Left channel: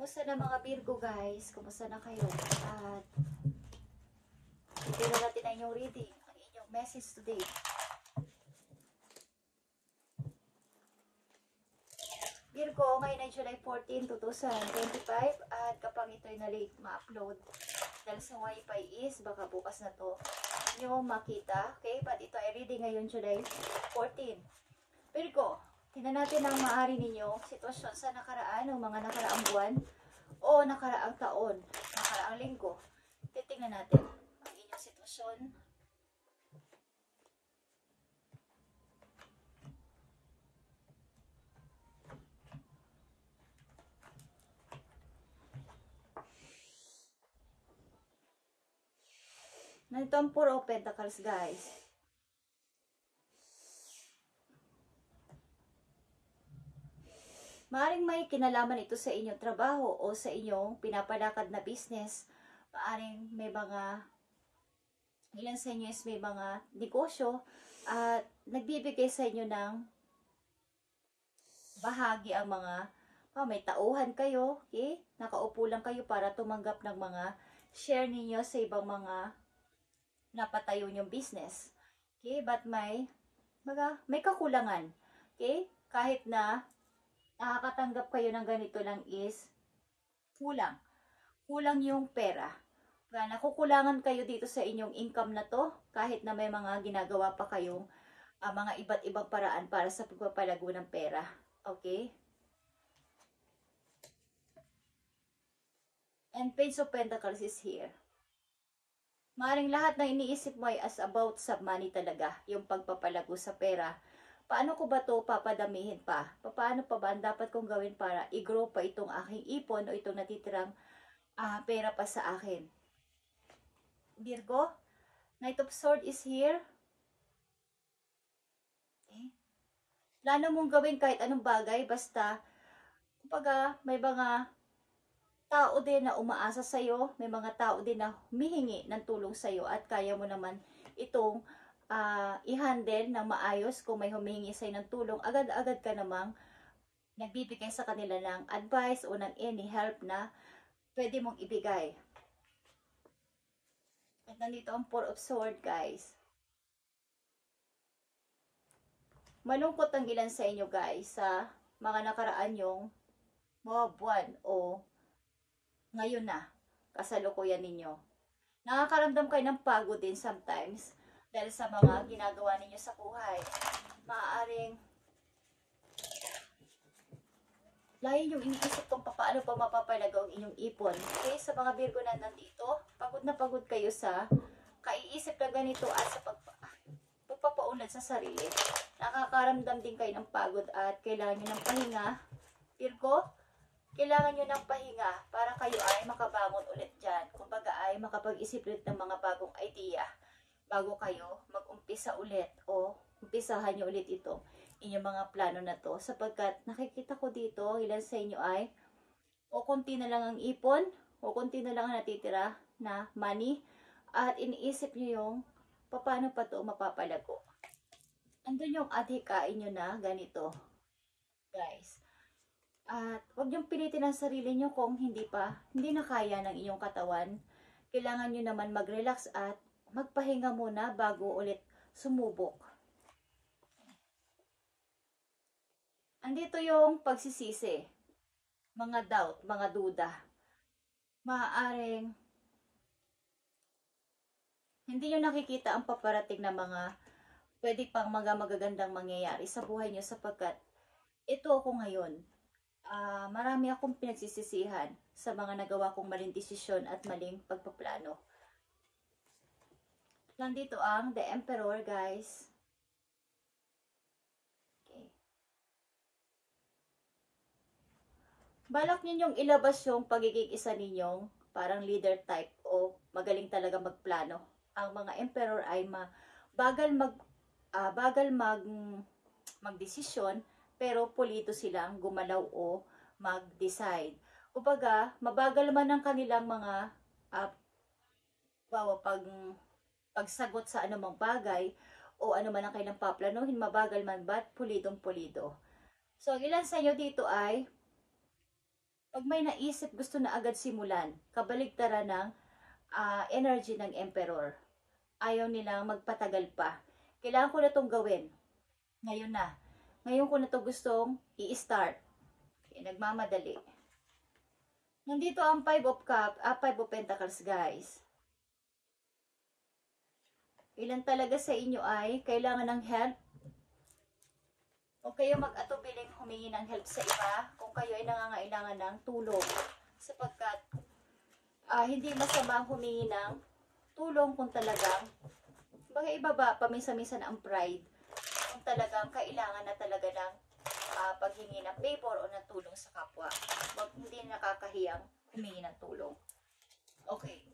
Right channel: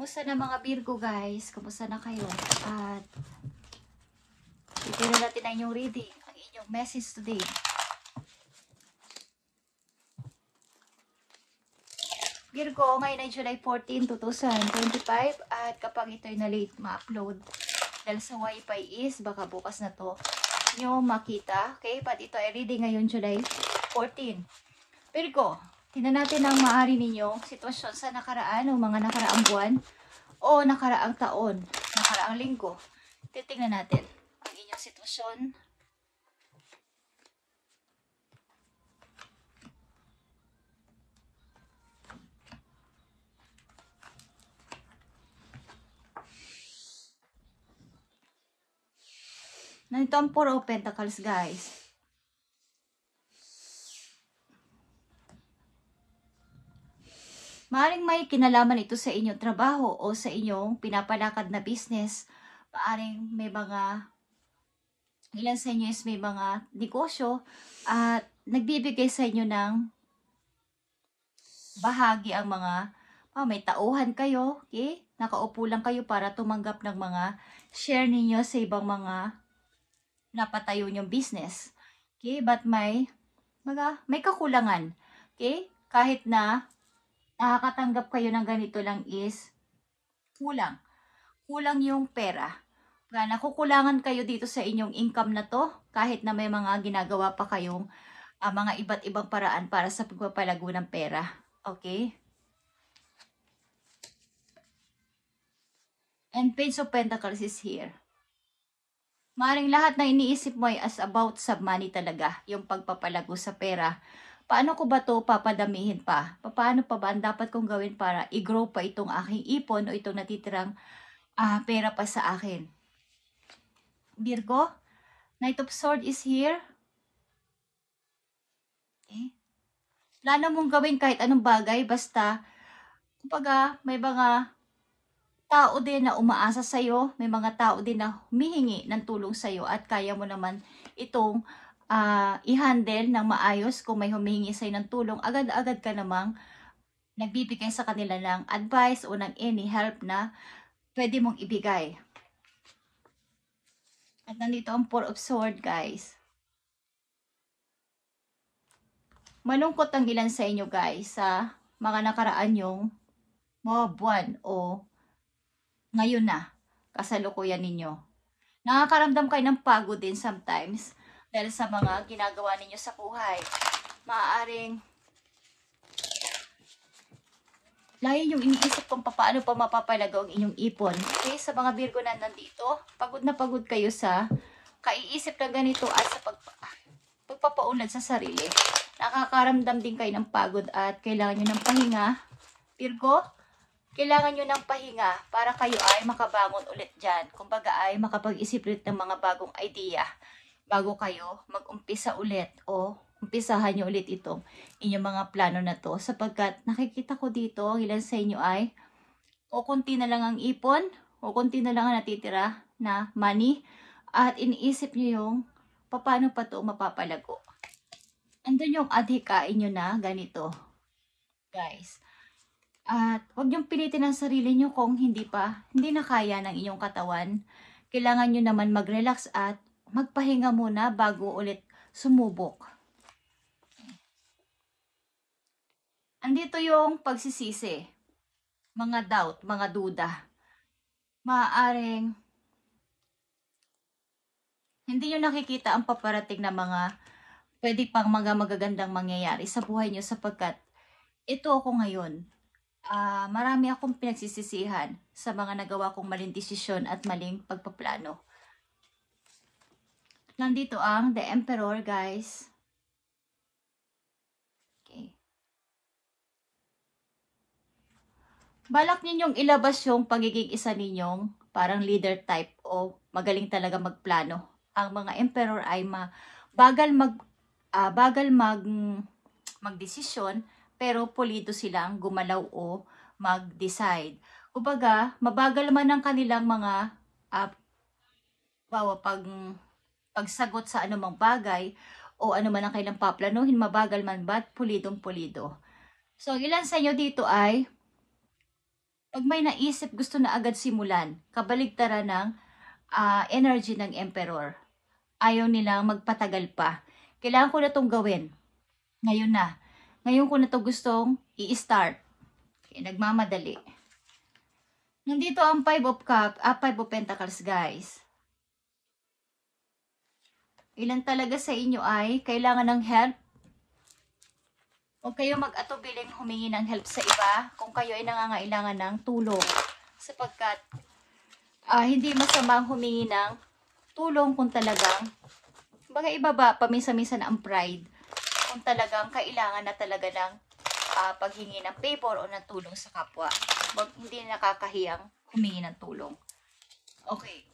Kumusta na mga Virgo guys? Kumusta na kayo? At ito na natin ang inyong reading, ang inyong message today. Virgo, ngayon ay July 14, 2025 at kapag ito'y na-late ma-upload dahil sa wifi is baka bukas na to nyo makita. Okay? But ito ay reading ngayon July 14. Virgo, tingnan natin ang maaari ninyong sitwasyon sa nakaraan o mga nakaraang buwan o nakaraang taon, nakaraang linggo. Titingnan natin ang inyong sitwasyon. Nandito ang Four of Pentacles, guys. Maaring may kinalaman ito sa inyong trabaho o sa inyong pinapalakad na business. Maaring may mga, ilan sa inyo is may mga negosyo at nagbibigay sa inyo ng bahagi ang mga, may tauhan kayo, okay? Nakaupo lang kayo para tumanggap ng mga share ninyo sa ibang mga napatayo niyong business. Okay? But may kakulangan. Okay? Kahit na nakakatanggap kayo ng ganito lang is kulang. Kulang yung pera. Nakukulangan kayo dito sa inyong income na to kahit na may mga ginagawa pa kayong mga iba't ibang paraan para sa pagpapalago ng pera. Okay? And Page of Pentacles is here. Maring lahat na iniisip mo ay as about sa money talaga, yung pagpapalago sa pera. Paano ko ba to papadamihin pa? Paano pa ba ang dapat kong gawin para i-grow pa itong aking ipon o itong natitirang pera pa sa akin? Virgo, Knight of Swords is here. Okay. Plano mong gawin kahit anong bagay, basta kumbaga may mga tao din na umaasa sa'yo, may mga tao din na humihingi ng tulong sa'yo at kaya mo naman itong i-handle ng maayos. Kung may humihingi sa'yo ng tulong, agad-agad ka namang nagbibigay sa kanila ng advice o ng any help na pwede mong ibigay. At nandito ang Four of Swords, guys. Malungkot ang ilan sa inyo, guys, sa mga nakaraan yung mga buwan o ngayon na, kasalukuyan ninyo. Nakakaramdam kayo ng pagod din sometimes dahil sa mga ginagawa ninyo sa buhay. Maaaring lagi yung iniisip kung paano pa mapapalagaw ang inyong ipon. Okay, sa mga Virgo na nandito, pagod na pagod kayo sa kaiisip na ganito at sa pagpapaunlad sa sarili. Nakakaramdam din kayo ng pagod at kailangan nyo ng pahinga. Virgo, kailangan nyo ng pahinga para kayo ay makabangon ulit dyan. Kumbaga ay makapag-isip ulit ng mga bagong idea bago kayo mag-umpisa ulit o umpisahan nyo ulit itong inyong mga plano na to. Sapagkat nakikita ko dito, ang ilan sa inyo ay o konti na lang ang ipon o konti na lang ang natitira na money at iniisip nyo yung paano pa to mapapalago. Andun yung adhikain nyo na ganito, guys. At huwag niyong pilitin ang sarili niyo kung hindi na kaya ng inyong katawan. Kailangan niyo naman mag-relax at magpahinga muna bago ulit sumubok. Andito yung pagsisisi, mga doubt, mga duda. Maaaring hindi niyo nakikita ang paparating na mga pwede pang mga magagandang mangyayari sa buhay niyo sapagkat ito ako ngayon. Marami akong pinagsisisihan sa mga nagawa kong maling desisyon at maling pagpaplano. Nandito ang The Emperor, guys. Okay. Balak ninyong ilabas yung pagiging isa ninyong parang leader type o magaling talaga magplano. Ang mga Emperor ay bagal magdesisyon, pero pulido silang gumalaw o mag-decide. Kumbaga, mabagal man ang kanilang mga pagsagot sa anumang bagay o anuman ang kailang paplanuhin, mabagal man ba't pulidong-pulido. So, ilan sa inyo dito ay Pag may naisip, gusto na agad simulan. Kabaligtaran ng energy ng Emperor. Ayaw nilang magpatagal pa. Kailangan ko na itong gawin. Ngayon na. Ngayon ko na ito gustong i-start. Nagmamadali. Nandito ang 5 of Pentacles, guys. Ilan talaga sa inyo ay kailangan ng help? Huwag kayo mag-atubiling humingi ng help sa iba kung kayo ay nangangailangan ng tulong. Sapagkat hindi masamang humingi ng tulong kung talagang ibaba paminsan-minsan ang pride. Kung talagang kailangan na talaga ng paghingi ng favor o ng tulong sa kapwa. Hindi nakakahiyang humingi ng tulong. Okay.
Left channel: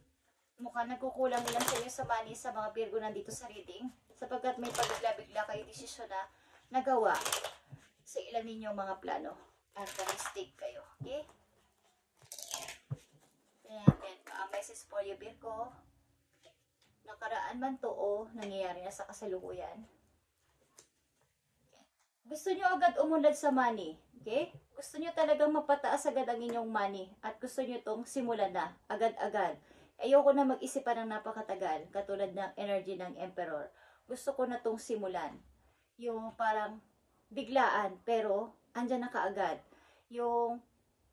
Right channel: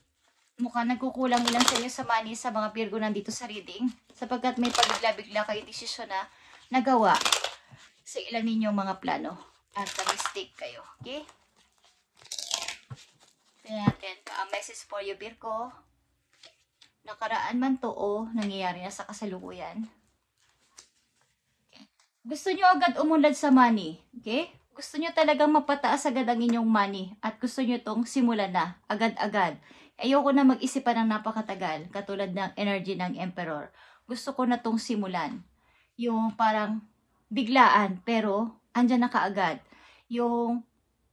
Mukhang nagkukulang ilang sa inyo sa money sa mga Virgo nandito sa reading. Sapagkat may pagbigla-bigla kayo desisyon na nagawa sa ilan ninyong mga plano. At na-mistake kayo. Okay? Tingnan natin. Message for you, Virgo. Nakaraan man to o nangyayari na sa kasalukuyan. Okay. Gusto nyo agad umunlad sa money. Okay? Gusto nyo talagang mapataas agad ang inyong money. At gusto nyo tong simulan na. Agad-agad. Ayoko na mag-isipan ng napakatagal. Katulad ng energy ng Emperor. Gusto ko na tong simulan. Yung parang biglaan. Pero andyan na kaagad. Yung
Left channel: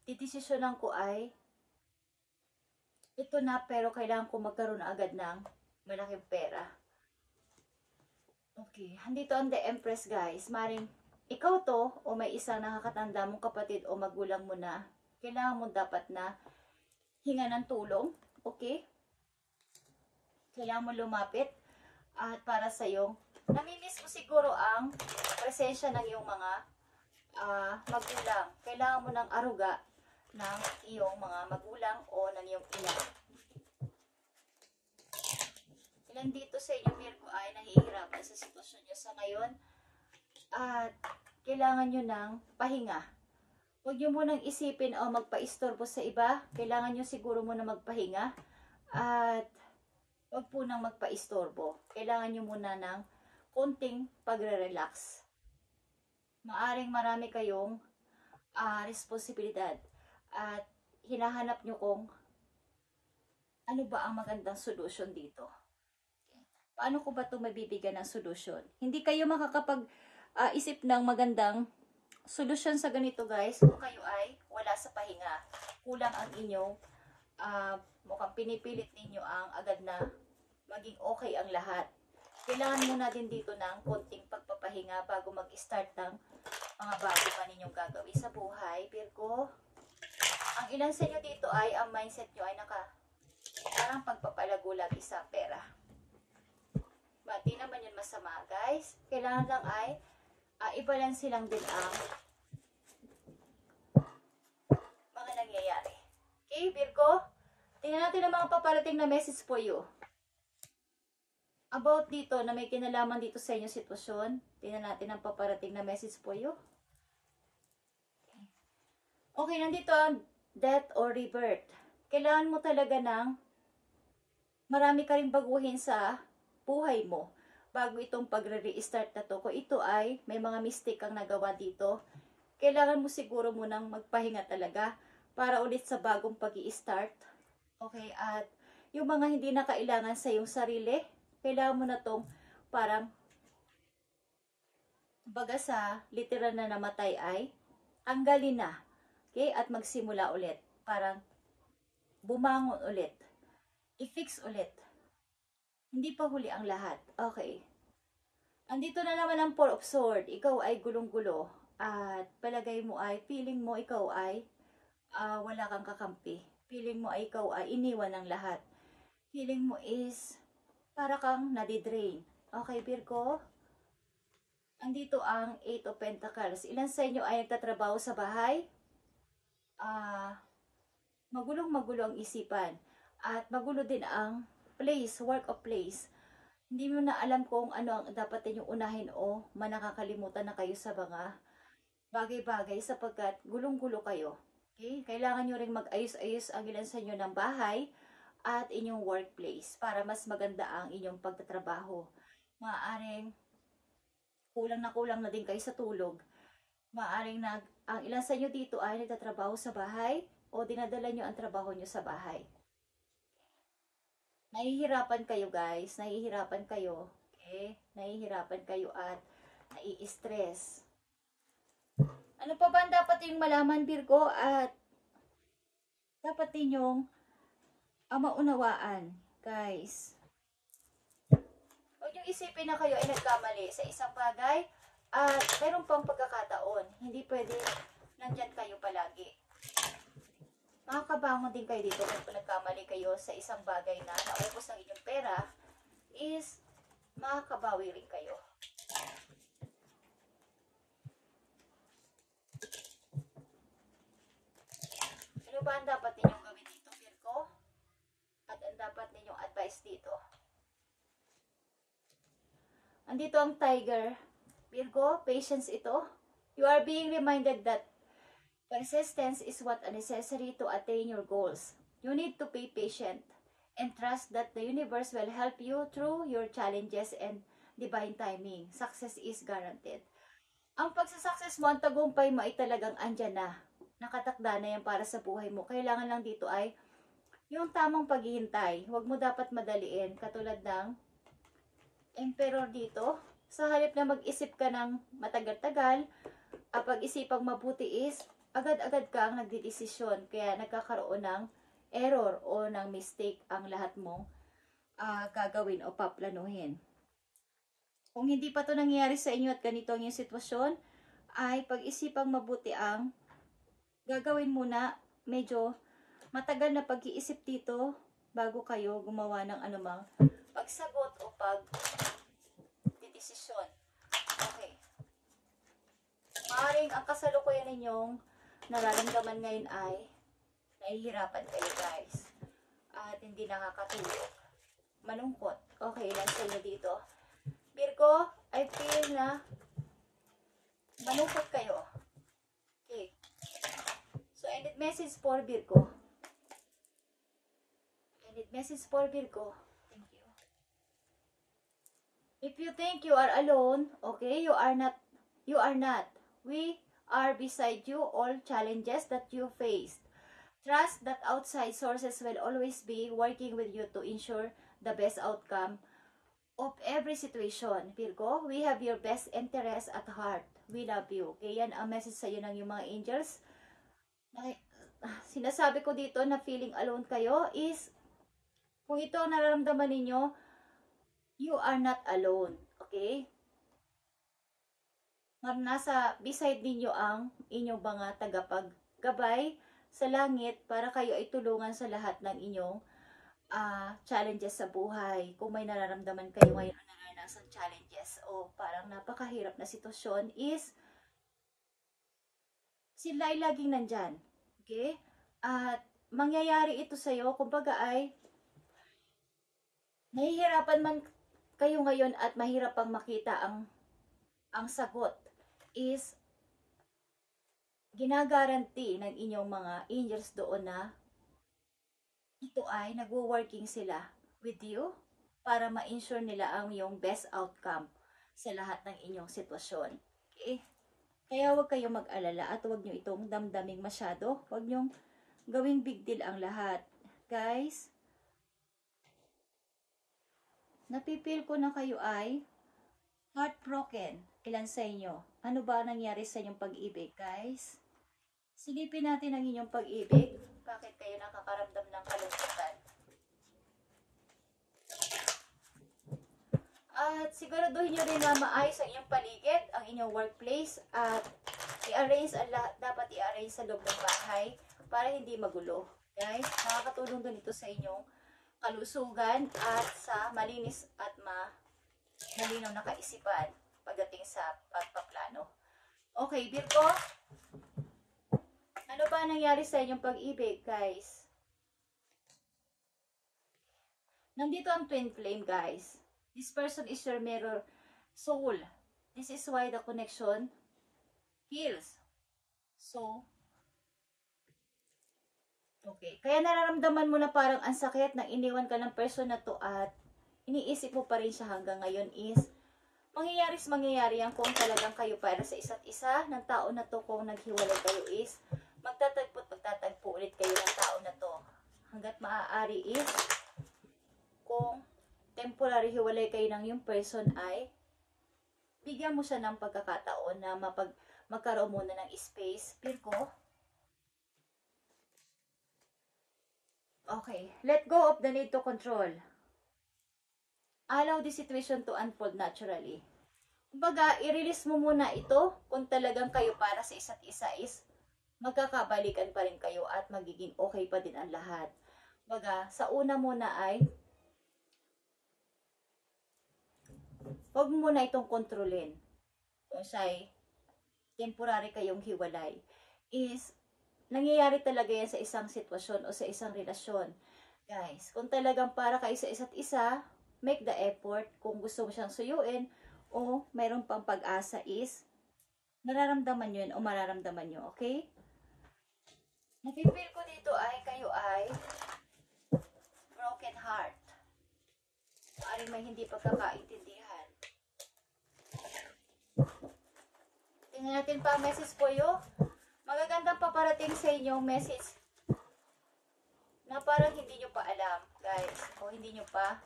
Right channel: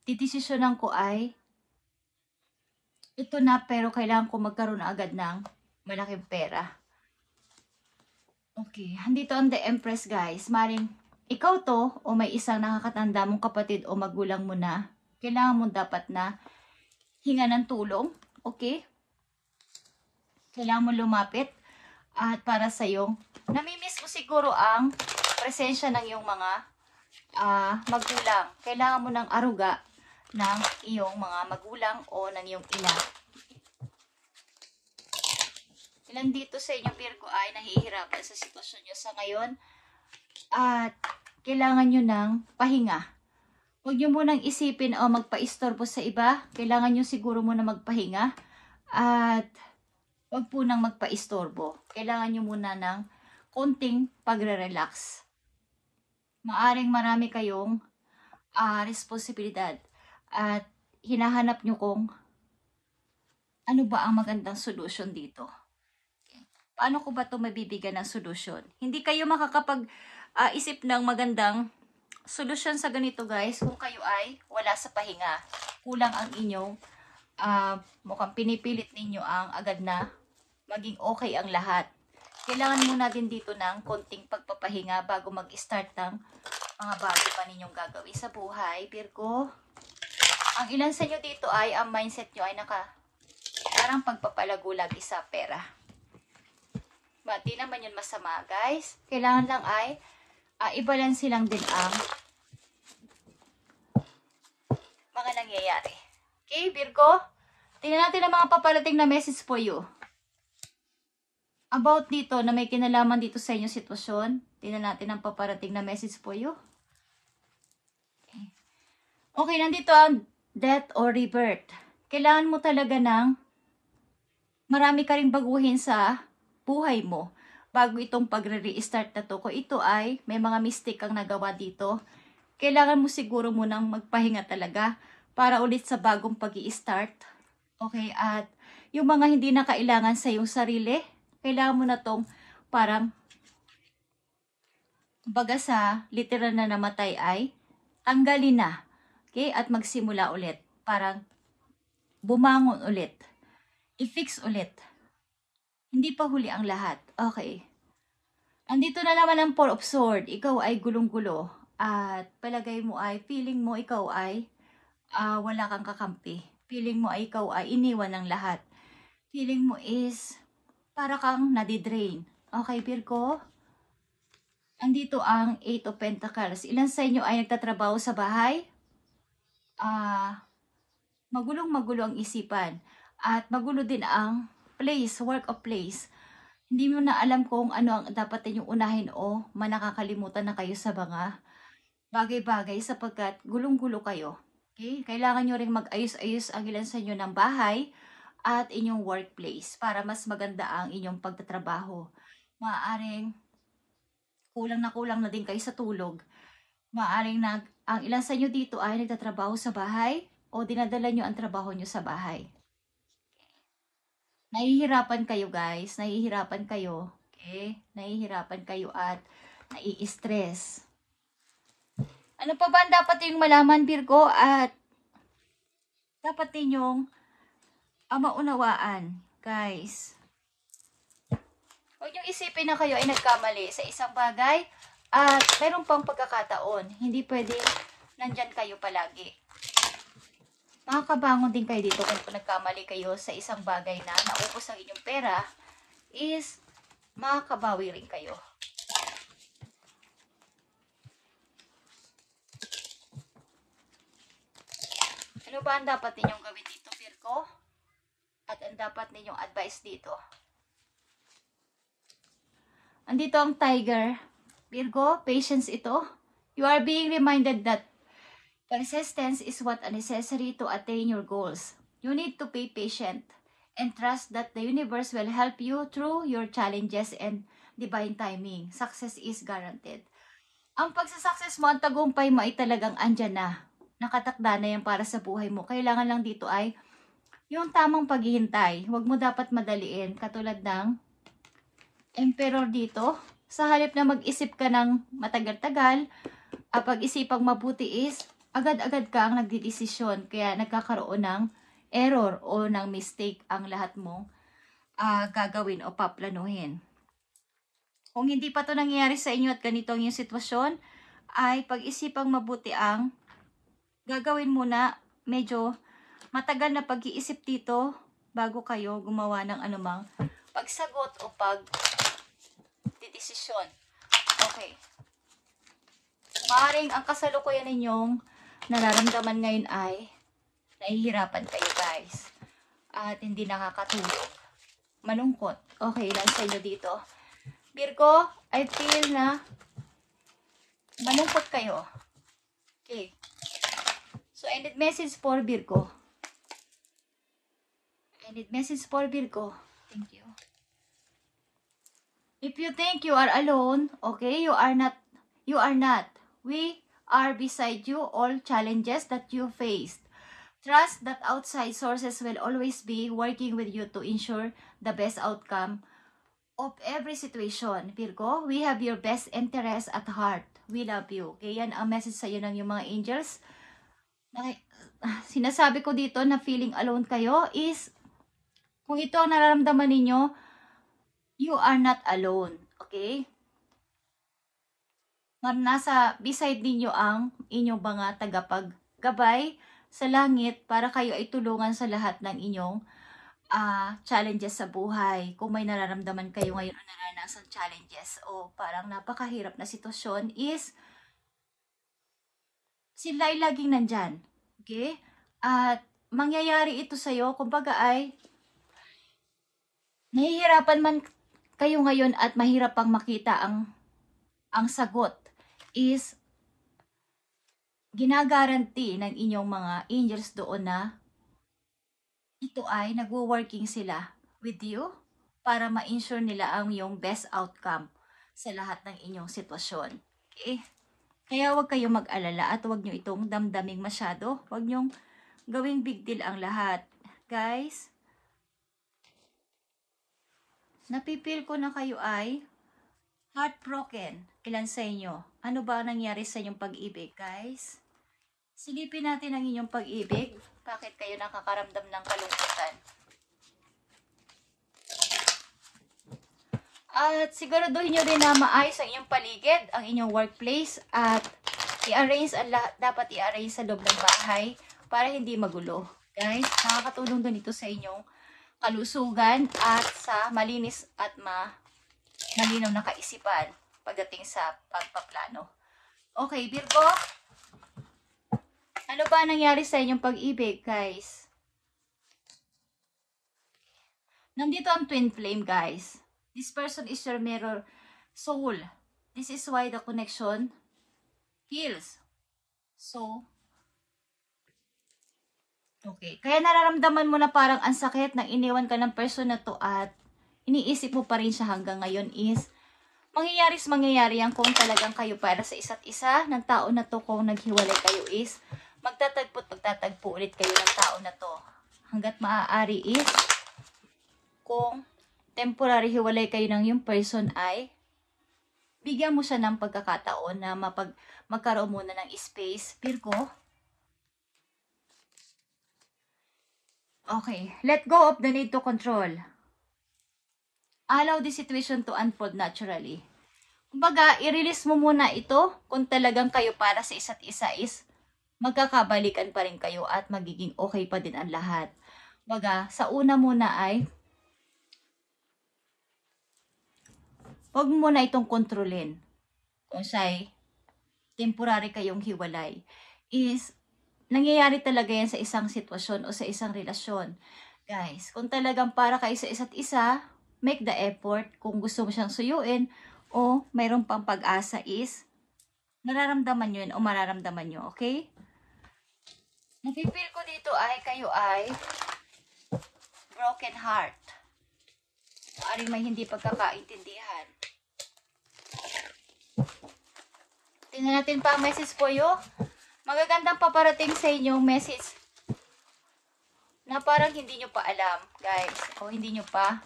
didesisyonan ko ay ito na pero kailangan ko magkaroon na agad ng malaking pera. Okay, andito ang The Empress, guys. Maring ikaw to o may isang nakakatanda mong kapatid o magulang mo na, kailangan mo dapat na hinga ng tulong. Okay? Kailangan mo lumapit at para sa iyong namimiss mo siguro ang presensya ng iyong mga magulang. Kailangan mo ng aruga ng iyong mga magulang o ng iyong ina. Ilan dito sa inyo, Virgo, ay nahihirapan sa sitwasyon nyo sa ngayon at kailangan nyo ng pahinga. Huwag nyo munang isipin o magpa-istorbo sa iba. Kailangan nyo siguro muna magpahinga at huwag po nang magpa-istorbo. Kailangan nyo muna ng konting pagre-relax. Maaring marami kayong responsibilidad at hinahanap nyo kung ano ba ang magandang solusyon dito. Paano ko ba ito mabibigyan ng solusyon? Hindi kayo makakapag-isip ng magandang solusyon sa ganito, guys, kung kayo ay wala sa pahinga. Kulang ang inyong mukhang pinipilit ninyo ang agad na maging okay ang lahat. Kailangan mo natin dito ng konting pagpapahinga bago mag-start ng mga bago pa ninyong gagawin sa buhay. Virgo, ang ilan sa inyo dito ay ang mindset nyo ay parang pagpapalago lagi sa pera. Di naman yun masama, guys. Kailangan lang ay i-balance lang din ang mga nangyayari. Okay, Virgo? Tingnan natin ang mga paparating na message for you. About dito na may kinalaman dito sa inyong sitwasyon. Tingnan natin ang paparating na message for you. Okay, nandito ang death or rebirth. Kailangan mo talaga ng marami ka rin baguhin sa buhay mo bago itong pagre-restart na to. Kung ito ay may mga mistake kang nagawa dito, kailangan mo siguro munang magpahinga talaga para ulit sa bagong pag-i-start. Okay, at yung mga hindi na kailangan sa iyong sarili, kailangan mo na tong parang baga sa literal na namatay ay tanggalin na. Okay, at magsimula ulit. Parang bumangon ulit. I-fix ulit. Hindi pa huli ang lahat. Okay. Andito na naman ang Four of Swords. Ikaw ay gulong-gulo. At palagay mo ay, feeling mo ikaw ay wala kang kakampi. Feeling mo ay ikaw ay iniwan ng lahat. Feeling mo is para kang nadidrain. Okay, Virgo? Andito ang Eight of Pentacles. Ilan sa inyo ay nagtatrabaho sa bahay? Magulong-magulo ang isipan. At magulo din ang place, work of place. Hindi mo na alam kung ano ang dapat ninyong unahin o manakakalimutan na kayo sa mga bagay-bagay sapagkat gulong-gulo kayo. Okay? Kailangan nyo rin mag-ayos-ayos ang ilan sa inyo ng bahay at inyong workplace para mas maganda ang inyong pagtatrabaho. Maaaring kulang na din kayo sa tulog. Maaaring ang ilan sa inyo dito ay nagtatrabaho sa bahay o dinadala nyo ang trabaho nyo sa bahay. Nahihirapan kayo guys, nahihirapan kayo. Okay? Nahihirapan kayo at nai-stress. Ano pa ba ang dapat yung malaman, Virgo? At dapat ninyong maunawaan, guys. Huwag niyong isipin na kayo ay nagkamali sa isang bagay at mayroon pang pagkakataon. Hindi pwede nandyan kayo palagi. Makakabangon din kayo dito kung nagkamali kayo sa isang bagay na naupos ang inyong pera is makakabawi rin kayo. Ano ba ang dapat ninyong gawin dito, Virgo? At ang dapat ninyong advice dito? Andito ang Tiger. Virgo, patience ito. You are being reminded that persistence is what is necessary to attain your goals. You need to be patient and trust that the universe will help you through your challenges and divine timing. Success is guaranteed. Ang pagsasucess mo, ang tagumpay mo ay talagang andyan na. Nakatakda na yan para sa buhay mo. Kailangan lang dito ay yung tamang paghihintay. Huwag mo dapat madaliin. Katulad ng Emperor dito. Sa halip na mag-isip ka ng matagal-tagal, pag-isipang mabuti is agad-agad ka ang nagdidesisyon. Kaya nagkakaroon ng error o ng mistake ang lahat mong gagawin o paplanuhin. Kung hindi pa ito nangyayari sa inyo at ganito ang yung sitwasyon, ay pag-isipang mabuti ang gagawin muna. Medyo matagal na pag-iisip dito bago kayo gumawa ng anumang pagsagot o pag-desisyon. Okay. Maaaring ang kasalukuyan ninyong nararamdaman ngayon ay nahihirapan kayo guys. At hindi nakakatulog. Malungkot. Okay lang sa inyo dito. Virgo, I feel na malungkot kayo. Okay. So, I need message for Virgo. I need message for Virgo. Thank you. If you think you are alone, okay, you are not. You are not. We are beside you all challenges that you faced. Trust that outside sources will always be working with you to ensure the best outcome of every situation. Virgo, we have your best interest at heart. We love you. Okay, yan ang message sa iyo ng yung mga angels. Sinasabi ko dito na feeling alone kayo is, kung ito ang nararamdaman ninyo, you are not alone. Okay? Nasa beside ninyo ang inyong mga tagapaggabay sa langit para kayo ay tulungan sa lahat ng inyong challenges sa buhay. Kung may nararamdaman kayo ngayon o naranasan challenges o parang napakahirap na sitwasyon is sila ay laging nandyan. Okay? At mangyayari ito sa'yo, kumbaga ay nahihirapan man kayo ngayon at mahirap pang makita ang sagot is ginagaranti ng inyong mga angels doon na ito ay nagwo-working sila with you para ma-ensure nila ang yung best outcome sa lahat ng inyong sitwasyon. Okay? Kaya huwag kayong mag-alala at huwag nyo itong damdaming masyado. Huwag nyong gawing big deal ang lahat. Guys, napipil ko na kayo ay heartbroken. Ilan sa inyo? Ano ba ang nangyari sa inyong pag-ibig, guys? Silipin natin ang inyong pag-ibig. Bakit kayo nakakaramdam ng kalungkutan? At siguraduhin nyo rin na maayos ang inyong paligid, ang inyong workplace, at i-arrange ang lahat, dapat i-arrange sa loob ng bahay para hindi magulo. Guys, nakakatulong ganito sa inyong kalusugan at sa malinis at malinaw na kaisipan pagdating sa pagpaplano. Okay, Virgo, ano ba nangyari sa inyong pag-ibig, guys? Nandito ang twin flame, guys. This person is your mirror soul. This is why the connection heals. So, okay. Kaya nararamdaman mo na parang ang sakit nang iniwan ka ng person na to at iniisip mo pa rin siya hanggang ngayon is mangyayari yan kung talagang kayo para sa isa't isa ng tao na to. Kung naghiwalay kayo is magtatagpo ulit kayo ng tao na to. Hanggat maaari is, kung temporary hiwalay kayo ng yung person ay, bigyan mo siya ng pagkakataon na magkaroon muna ng space. Virgo. Okay. Let go of the need to control. Allow the situation to unfold naturally. Kumbaga, i-release mo muna ito kung talagang kayo para sa isa't isa is magkakabalikan pa rin kayo at magiging okay pa din ang lahat. Kumbaga, sa una muna ay huwag mo na itong kontrolin. Kung siya'y temporary kayong hiwalay, is nangyayari talaga yan sa isang sitwasyon o sa isang relasyon. Guys, kung talagang para kayo sa isa't isa, make the effort. Kung gusto mo siyang suyuin o mayroong pang pag-asa is nararamdaman nyo yun o mararamdaman nyo, okay? Napipil ko dito ay kayo ay broken heart. Maaring may hindi pagkakaintindihan. Tingnan natin pa ang message po yun. Magagandang paparating sa inyong message na parang hindi nyo pa alam, guys. O hindi nyo pa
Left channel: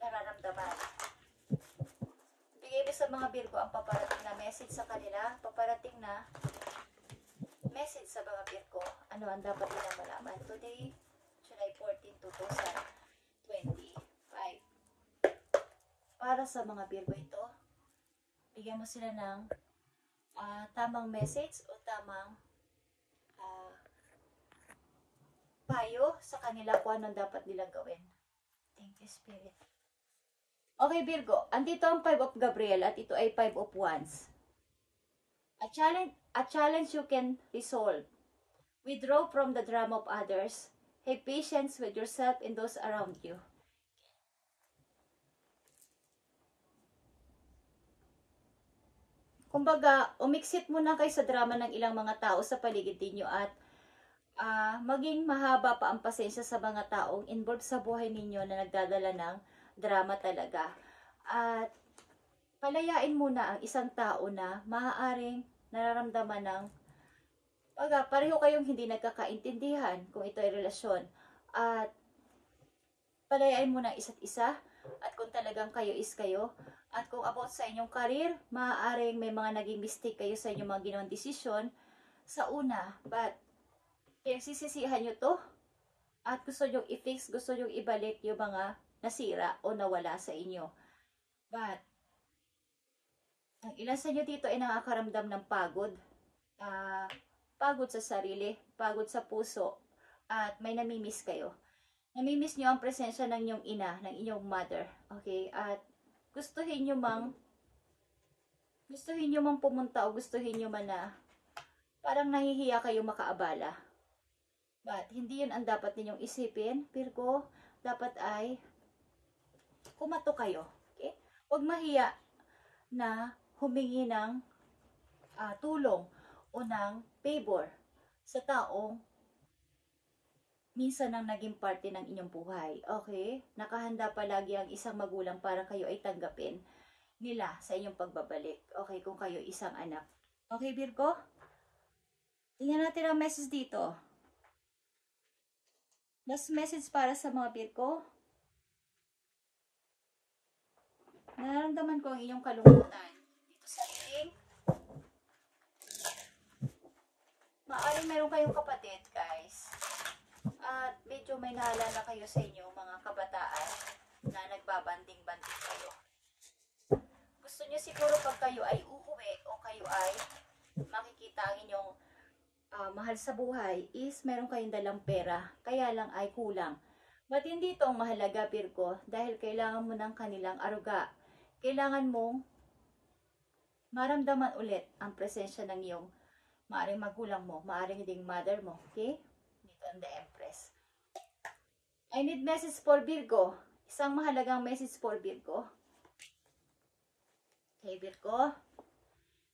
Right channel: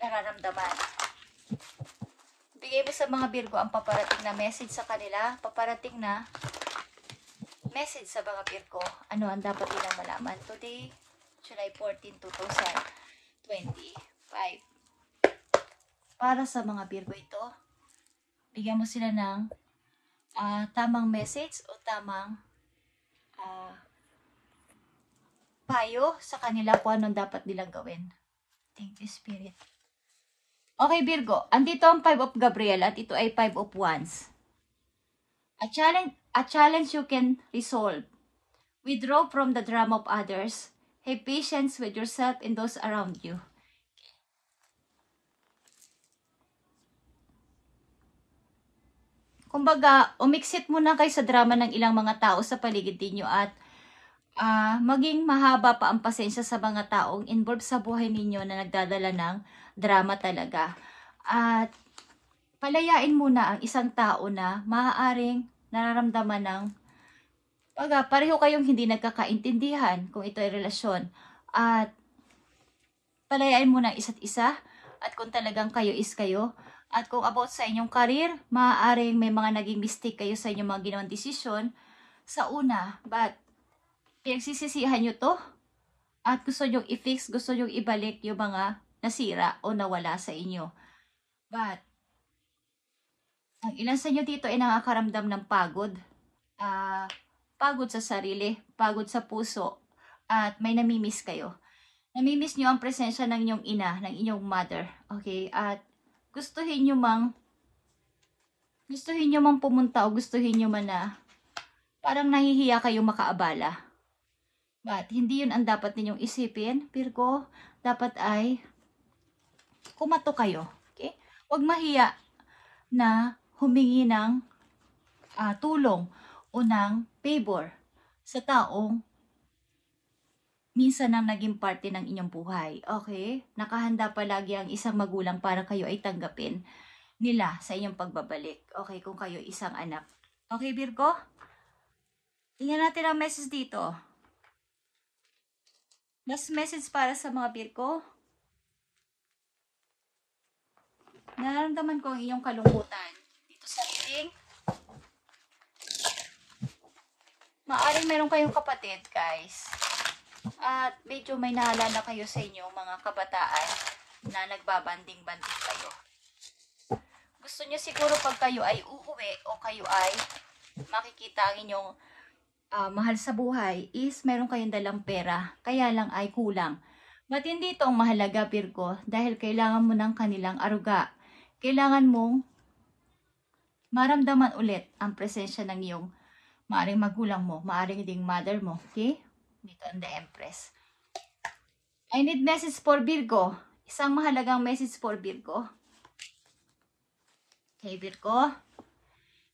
nararamdaman. Bigay mo sa mga Virgo ang paparating na message sa kanila. Paparating na message sa mga Virgo. Ano ang dapat nilang malaman? Today, July 14, 2025. Para sa mga Virgo ito, bigyan mo sila ng tamang message o tamang payo sa kanila kung anong dapat nilang gawin. Thank you, Spirit. Okay, Virgo. Andito ang 5 of Gabriel at ito ay 5 of Wands. A challenge you can resolve. Withdraw from the drama of others. Have patience with yourself and those around you. Kumbaga, umiksit muna kayo sa drama ng ilang mga tao sa paligid ninyo at maging mahaba pa ang pasensya sa mga taong involved sa buhay ninyo na nagdadala ng drama talaga. At palayain muna ang isang tao na maaaring nararamdaman ng pareho kayong hindi nagkakaintindihan kung ito ay relasyon. At palayain muna ang isa't isa at kung talagang kayo is kayo. At kung about sa inyong career, maaaring may mga naging mistake kayo sa inyong mga ginawang desisyon sa una. But, pinagsisisihan nyo to at gusto nyo i-fix, gusto nyo ibalik yung mga nasira o nawala sa inyo. But, ang ilan sa inyo dito ay nakakaramdam ng pagod. Pagod sa sarili, pagod sa puso, at may namimiss kayo. Namimiss nyo ang presensya ng inyong ina, ng inyong mother. Okay? At gustuhin nyo mang pumunta o gustuhin nyo man na parang nahihiya kayo makaabala. But hindi yun ang dapat ninyong isipin. Virgo, dapat ay kumato kayo. Okay? Huwag mahiya na humingi ng tulong o ng favor sa taong minsan ang naging parte ng inyong buhay. Okay? Nakahanda palagi ang isang magulang para kayo ay tanggapin nila sa inyong pagbabalik. Okay? Kung kayo isang anak. Okay, Virgo? Tingnan natin ang message dito. Last message para sa mga Virgo. Nararamdaman ko ang iyong kalungkutan. Dito sa reading. Maaring meron kayong kapatid, guys. At medyo may naalala kayo sa inyong mga kabataan na nagbabanding-banding kayo. Gusto nyo siguro pag kayo ay uuwi o kayo ay makikita ang inyong mahal sa buhay is meron kayong dalang pera. Kaya lang ay kulang. But hindi ito ang mahalaga, Virgo, dahil kailangan mo ng kanilang aruga. Kailangan mong maramdaman ulit ang presensya ng iyong maaring magulang mo, maaring ding mother mo. Okay? Dito ang the Empress. I need message for Virgo. Isang mahalagang message for Virgo. Okay, Virgo.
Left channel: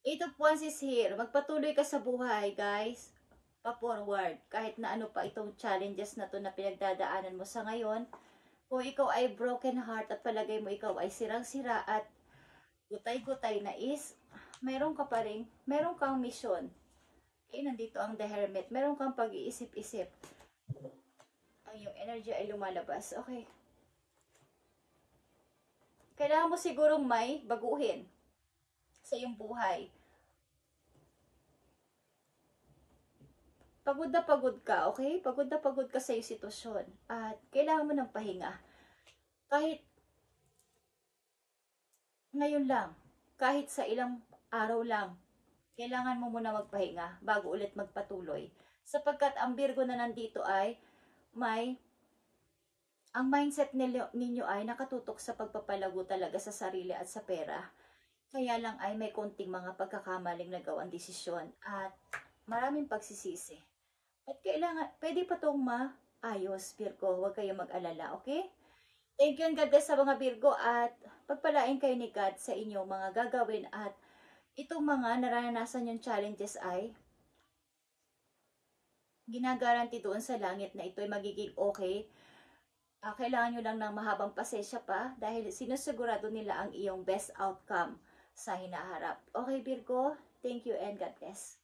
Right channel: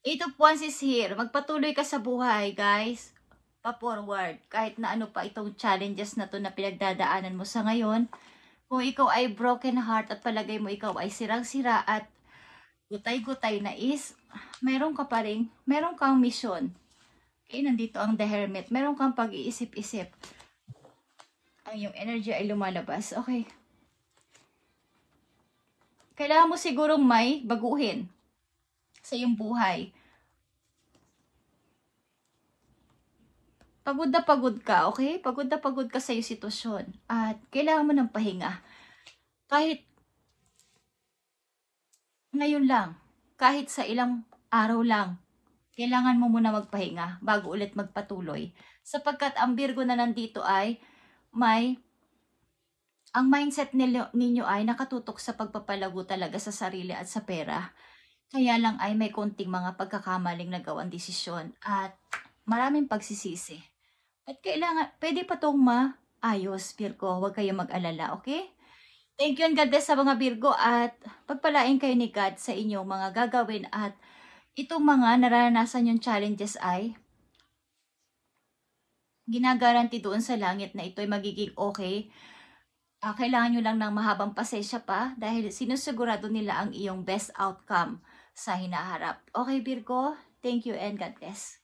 8 of Wands is here. Magpatuloy ka sa buhay, guys. Pa-forward. Kahit na ano pa itong challenges na to na pinagdadaanan mo sa ngayon. Kung ikaw ay broken heart at palagay mo ikaw ay sirang-sira at gutay-gutay na is, meron kang mission. Nandito ang The Hermit. Meron kang pag-iisip-isip. Ang yung energy ay lumalabas. Okay. Kailangan mo sigurong may baguhin sa iyong buhay. Pagod na pagod ka, okay? Pagod na pagod ka sa iyong sitwasyon. At kailangan mo ng pahinga. Kahit ngayon lang, kahit sa ilang araw lang, kailangan mo muna magpahinga bago ulit magpatuloy. Sapagkat ang Virgo na nandito ay ang mindset ninyo ay nakatutok sa pagpapalago talaga sa sarili at sa pera. Kaya lang ay may konting mga pagkakamaling nagawang desisyon at maraming pagsisisi. At kailangan, pwede pa itong maayos, Virgo. Huwag kayong mag-alala, okay? Thank you and God bless sa mga Virgo at pagpalain kayo ni God sa inyong mga gagawin at itong mga nararanasan yung challenges ay ginagaranti doon sa langit na ito ay magiging okay. Kailangan nyo lang ng mahabang pasensya pa dahil sinusigurado nila ang iyong best outcome sa hinaharap. Okay, Virgo? Thank you and God bless.